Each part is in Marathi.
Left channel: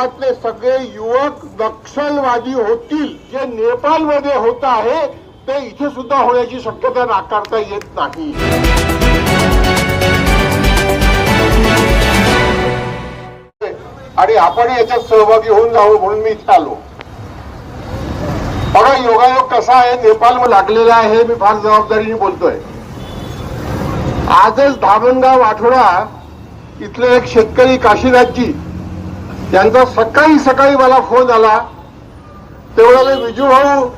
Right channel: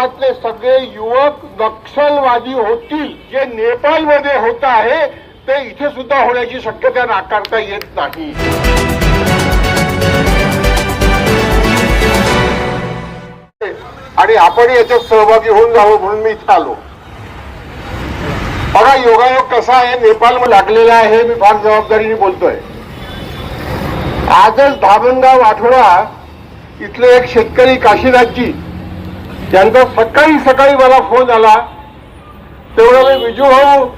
भारतातले सगळे युवक नक्षलवादी होतील जे नेपाळमध्ये होत आहे ते इथे सुद्धा होण्याची शक्यता नाकारता येत नाही. आणि आपण याच्यात सहभागी होऊन जावं म्हणून मी इथे आलो. बघा योगायोग कसा आहे नेपाळ लागलेला आहे मी फार जबाबदारीने बोलतोय. आजच धामणगाव आठवडा इथले एक शेतकरी काशीनाथजी त्यांचा सकाळी सकाळी मला फोन आला. ते म्हणाले विजू भाऊ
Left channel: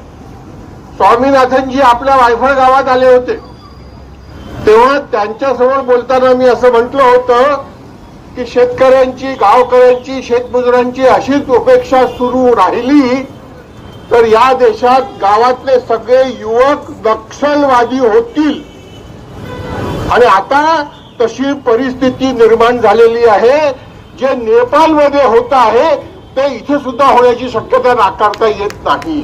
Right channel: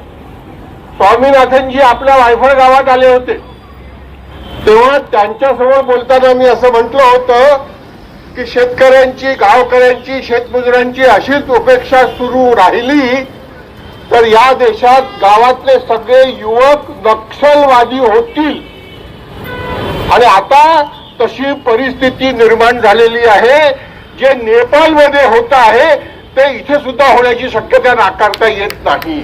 स्वामीनाथनजी आपल्या वायफळ गावात आले होते. तेव्हा त्यांच्यासमोर बोलताना मी असं म्हटलं होतं की शेतकऱ्यांची गावकऱ्यांची शेतमजुरांची अशीच उपेक्षा सुरू राहिली तर या देशात गावातले सगळे युवक नक्षलवादी होतील. आणि आता तशी परिस्थिती निर्माण झालेली आहे. जे नेपाळमध्ये होत आहे ते इथे सुद्धा होण्याची शक्यता नाकारता येत नाही.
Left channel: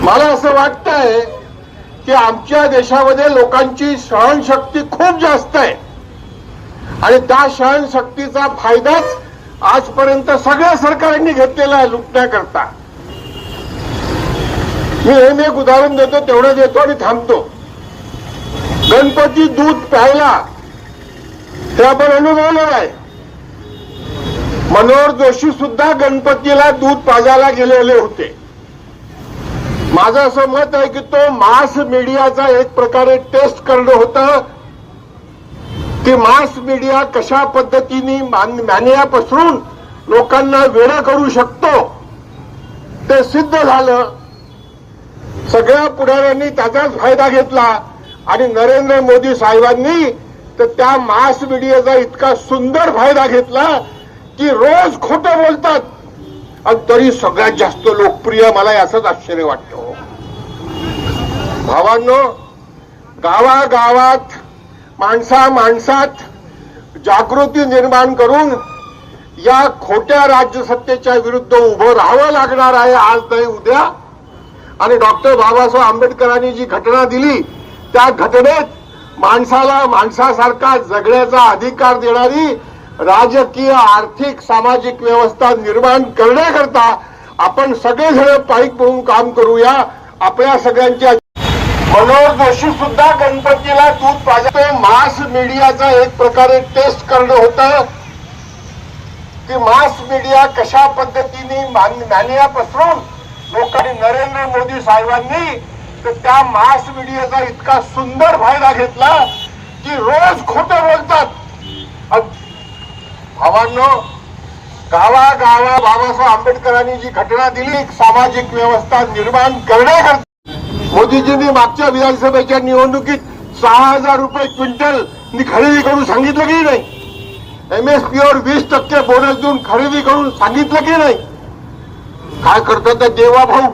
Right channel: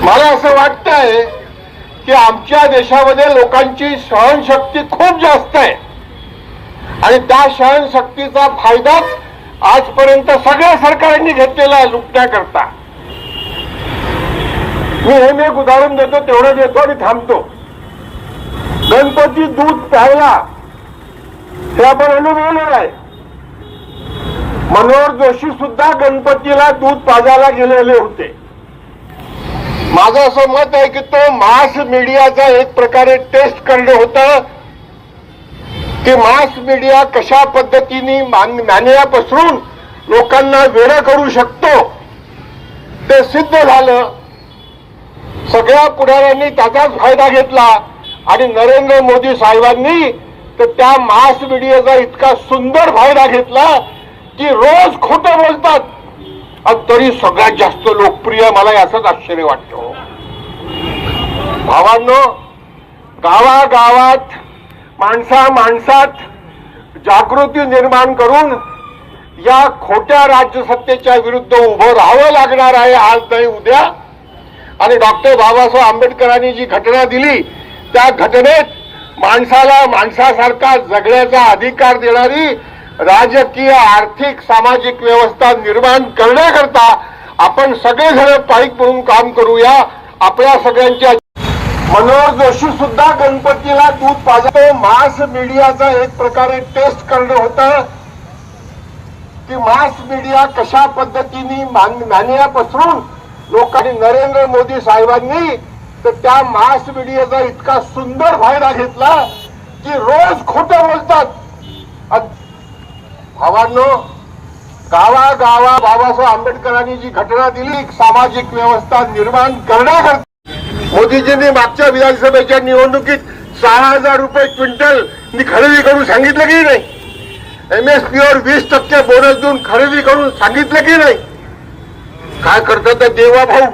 मला असं वाटतंय की आमच्या देशामध्ये लोकांची सहनशक्ती खूप जास्त आहे. आणि त्या सहनशक्तीचा फायदाच आजपर्यंत सगळ्या सरकारांनी घेतलेला आहे लुटण्याकरता. मी हे एक उदाहरण देतो तेवढं देतो आणि थांबतो. गणपती दूध प्यायला हे आपण अनुभवलेलं आहे. मनोहर जोशी सुद्धा गणपतीला दूध पाजायला गेलेले होते. माझं असं मत आहे की तो मास मीडियाचा एक प्रकारे टेस्ट करणं होतं. की मास मीडिया कशा पद्धतीने मान्या पसरून लोकांना वेळ करू शकतो ते सिद्ध झालं. सगळ्या पुढाऱ्यांनी त्याचाच फायदा घेतला आणि नरेंद्र मोदी साहेबांनी तर त्या मास मीडियाचा इतका सुंदर फायदा घेतला की रोज खोटं बोलतात. आणि तरी सगळ्यात जास्त लोकप्रिय मला याचंच आश्चर्य वाटतं. भावांनो गावागावात माणसा माणसात जागृती निर्माण करून या खोट्या राज्यसत्तेच्या विरुद्ध उभं राहावं लागणार आहे आज नाही उद्या. आणि डॉक्टर बाबासाहेब आंबेडकरांनी जी घटना दिली त्या घटनेत माणसाला माणसासारखा जगण्याचा अधिकार देणारी राजकीय आर्थिक सामाजिक व्यवस्था निर्माण करण्याकरता आपण सगळेजण पाईक म्हणून काम करूया. आपल्या सगळ्यांच्या मनोहर जोशी सुद्धा गणपतीला दूध पाजतो मास मीडियाचा एक प्रकारे टेस्ट करणं होतं. की मास मीडिया कशा पद्धतीने मान्या पसरून लोकांनी नरेंद्र मोदी साहेबांनी तर त्या मास मीडियाचा इतका सुंदर फायदा घेतला की रोज खोट बोलतात. भावांनो भावांनो गावागावा बाबासाहेब आंबेडकरांनी जी घटना दिली सामाजिक व्यवस्था निर्माण करण्याकरता मोदीजींनी मागच्या विधानसभेच्या निवडणुकीत सहा हजार रुपये क्विंटल खरेदी करून सांगितलं की नाही? एम एस पी वर वीस टक्के बोनस देऊन खरेदी करून सांगितलं की नाही? काय करतात तर देवाभाऊ?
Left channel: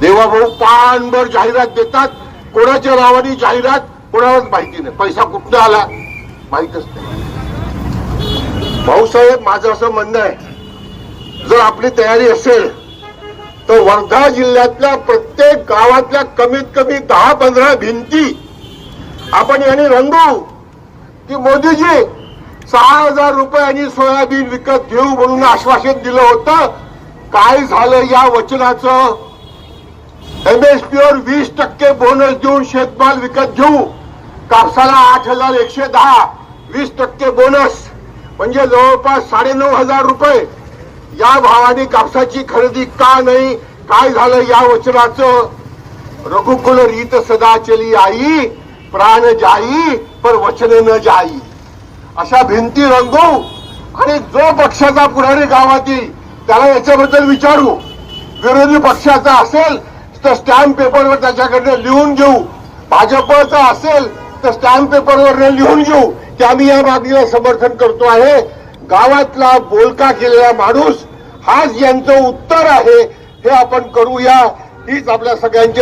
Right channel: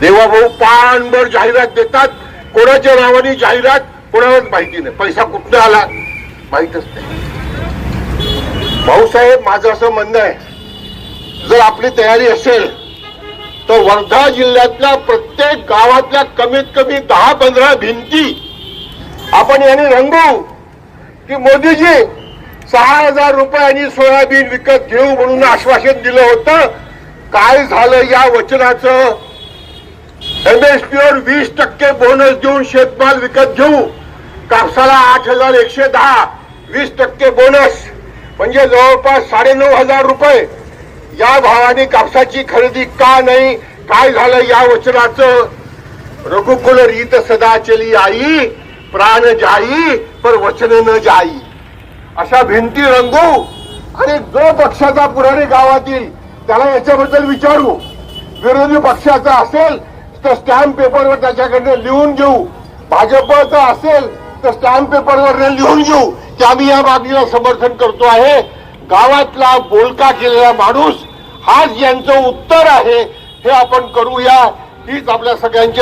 देवाभाऊ पानभर जाहिरात देतात. कोणाच्या नावाने जाहिरात कोणालाच माहिती नाही. पैसा कुठनं आला? माहीतच नाही. भाऊसाहेब माझं असं म्हणणं आहे. जर आपली तयारी असेल तर वर्धा जिल्ह्यातल्या प्रत्येक गावातल्या कमीत कमी दहा पंधरा भिंती आपण याने रंगवू. की मोदीजी सहा हजार रुपयांनी सोयाबीन विकत घेऊ म्हणून आश्वासन दिलं होतं. काय झालं या वचनाचं? एमएसपीवर वीस टक्के बोनस देऊन शेतमाल विकत घेऊ. कापसाला आठ हजार एकशे दहा वीस टक्के बोनस. म्हणजे जवळपास साडेनऊ हजार रुपये. या भावाने कापसाची खरेदी का नाही काय झालं या वचनाचं? रघुकुल रीत सदा चली आई प्राण जाई पर वचन न जाई. अशा भिंती रंगवू आणि जो पक्षाचा पुढारी गावातील त्याला याच्याबद्दल विचारू. विरोधी पक्षाचा असेल तर स्टॅम्प पेपरवर त्याच्याकडनं लिहून घेऊ. भाजपचं असेल तर स्टॅम्प पेपरवर लिहून घेऊ. की आम्ही या मागणीला समर्थन करतो आहे. गावातला बोलका केलेला माणूस हाच यांचं उत्तर आहे. हे आपण करूया. हीच आपल्या सगळ्यांची